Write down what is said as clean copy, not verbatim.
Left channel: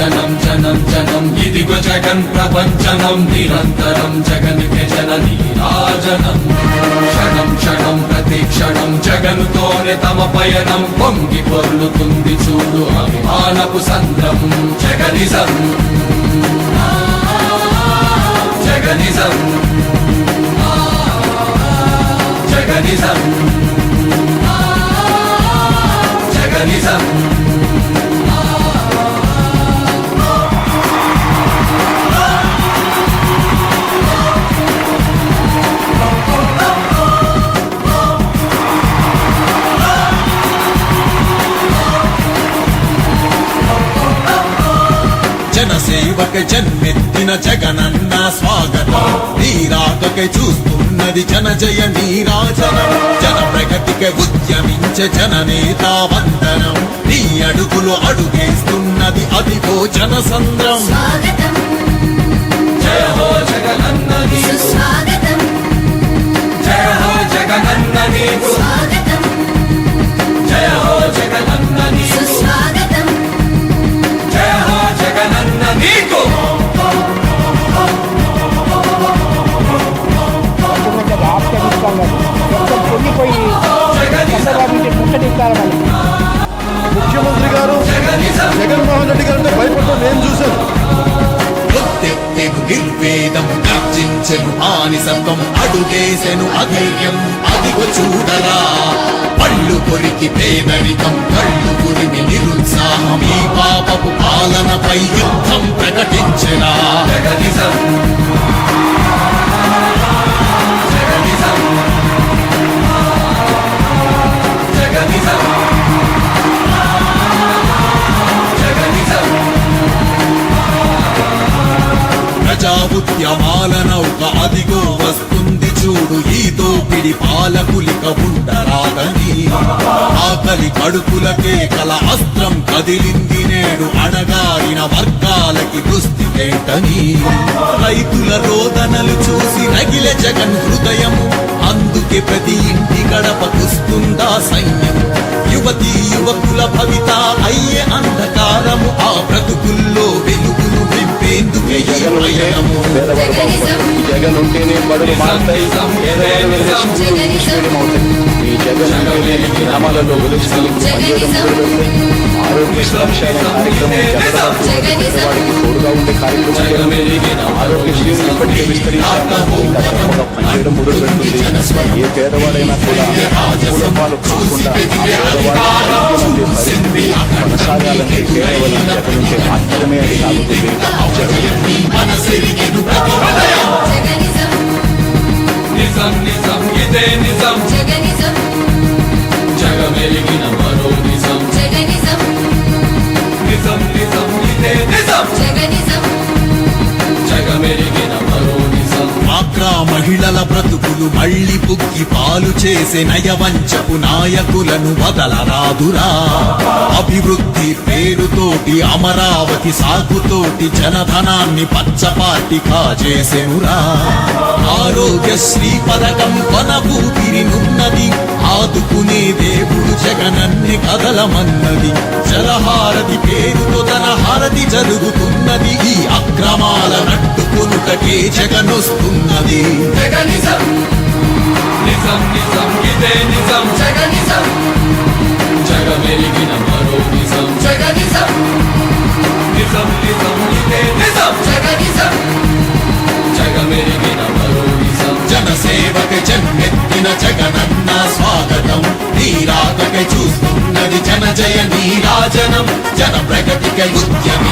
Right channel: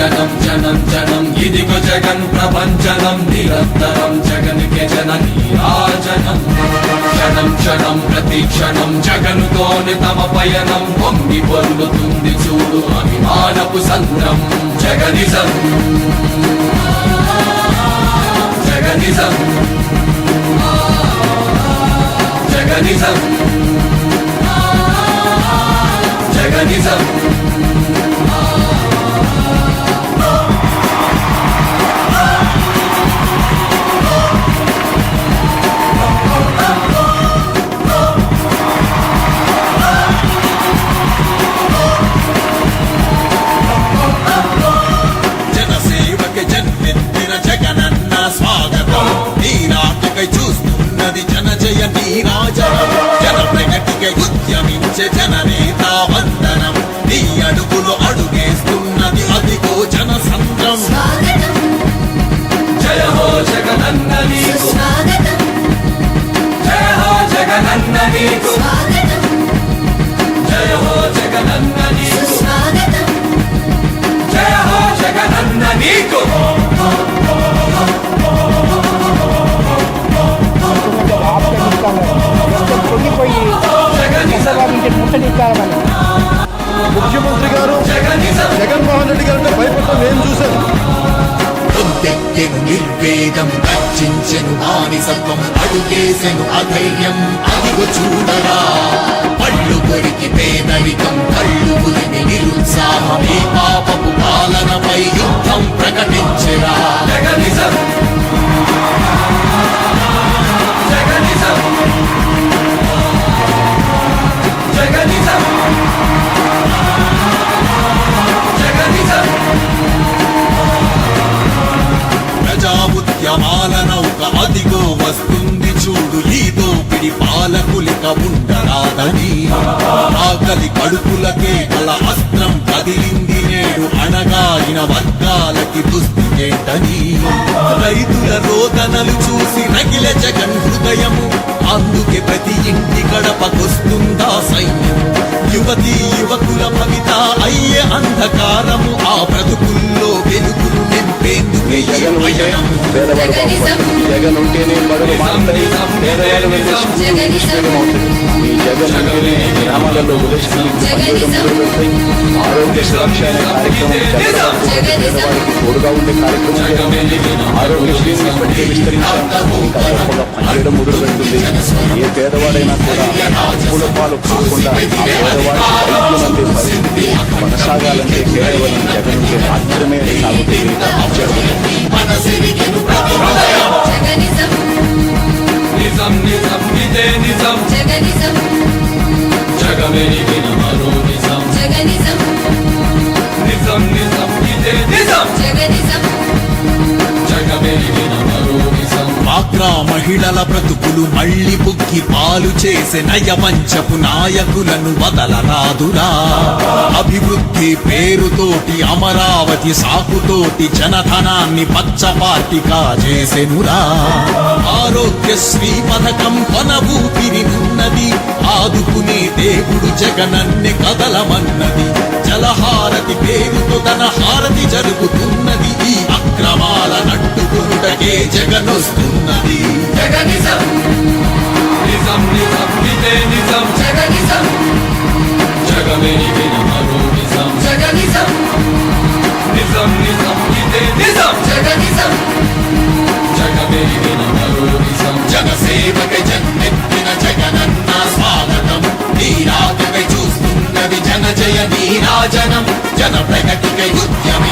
జనం జనం జనం ఇదిగో జగన్ ప్రపంచనం నిరంతరం జగన్కి జన నీరాజనం క్షణం క్షణం ప్రతి క్షణం జగనుతోనే తమ పయనం పొంగి పొర్లుతుంది చూడు అభిమానపు సంద్రం జగనిజం జగనిజం జగనిజం జగనిజం జన్మెత్తిన జగనన్న స్వాగతం నీరాకపై చూస్తున్నది జన జయ నీరాజనం జన ప్రగతికై ఉద్యమించే జననేత వందనం నీ అడుగులు అడుగేస్తున్నది అదిగో జన సంద్రం జయ హో జగనన్న నీకు స్వాగతం జయ హో జగనన్న నీకు స్వాగతం జయ హో జగనన్న నీకు స్వాగతం జయ హో జగనన్న నీకు పొంగిపోయి చంద్రబాబు నుంచి ముట్టడిస్తారని ముఖ్యమంత్రి గారు జగన్మోహన్ రెడ్డి గారు అంటే భయపడటం నేను చూశాను. నిర్వేదం గర్జించెను మానిసత్వం అడుగేసెను అధైర్యం అదిగు చూడరా పళ్ళు కొరికి పేదరికం కళ్ళు గురిని నిరుత్సాహం ఈ పాపపు పాలనపై యుద్ధం ప్రకటించెరా జగనిజం జగనిజం జగనిజం జగనిజం ప్రజాముద్యమాల నౌక అదిగో వస్తుంది చూడు ఈ దోపిడి పాలకులిక ఉండరాదని ఆకలి కడుపులకే గల అస్త్రం కదిలింది నేడు అణగారిన వర్గాలకి దుస్థితేంటని రైతుల రోదనలు చూసి రగిలే జగన్ హృదయము అందుకే ప్రతి ఇంటి గడపకొస్తుందా సైన్యం యువతీ యువకుల భవిత అయ్యే అంధకారము ఆ బ్రతుకుల్లో వెలుగులు నింపేందుకు మీ జగన్ ఉంటే పేదవాడు బాగుపడతాడు. మీ జగన్ ఉంటేనే బడులు మారుతాయి, పేదవాడు వెళ్ళే స్కూల్ ఇంగ్లీష్ మీడియం అవుతాయి. మీ జగన్ ఉంటేనే గ్రామాలలో విలేజ్ క్లినిక్లు పనిచేయడం మొదలు పెడతాయి. ఆరోగ్య సురక్ష అనే కార్యక్రమం జల్లడబడుతూ ప్రతి పేదవాడికి తోడుగా ఉండే కార్యక్రమం జరుగుతుంది. ఆరోగ్యశ్రీని ఇప్పటికే విస్తరించాం, ఇంకా గొప్పగా పనిచేయడం మొదలు పెడుతుంది. ఏ పేదవాడైనా కూడా అప్పుల పాలు కాకుండా ఆ పేదవాడికి వైద్యం అందే పరిస్థితి కొనసాగాలంటే కేవలం జగన్ ఉంటే మాత్రమే సాగుతుంది, జరుగుతుంది. మహిళల బ్రతుకులు మళ్ళీ బుక్కి పాలు చేసే నయవంచపు నాయకులను బదలరాదురా అభివృద్ధి పేరుతోటి అమరావతి సాకుతోటి జనధనాన్ని పచ్చపాటిగా చేసెనురా ఆరోగ్యశ్రీ పథకం కొన ఊపిరినున్నది ఆదుకునే దేవుడు జగనన్ని కదలమన్నది జలహారతి పేరుతో నరహారతి జరుగుతున్నది ఈ అక్రమాల నట్టుకునుటకే జగనొస్తున్నది జగనిజం నిజం నిజం ఇదే నిజం జగనిజం జగమెరిగిన మరో నిజం జగనిజం నిజం నిజం ఇదే నిజం జగనిజం జగమెరిగిన మరో నిజం జనసేవక జన్మెత్తిన జగనన్న స్వాగతం నీరాకకై చూస్తున్నది జన జయ నీరాజనం జన ప్రగతికై ఉద్యమి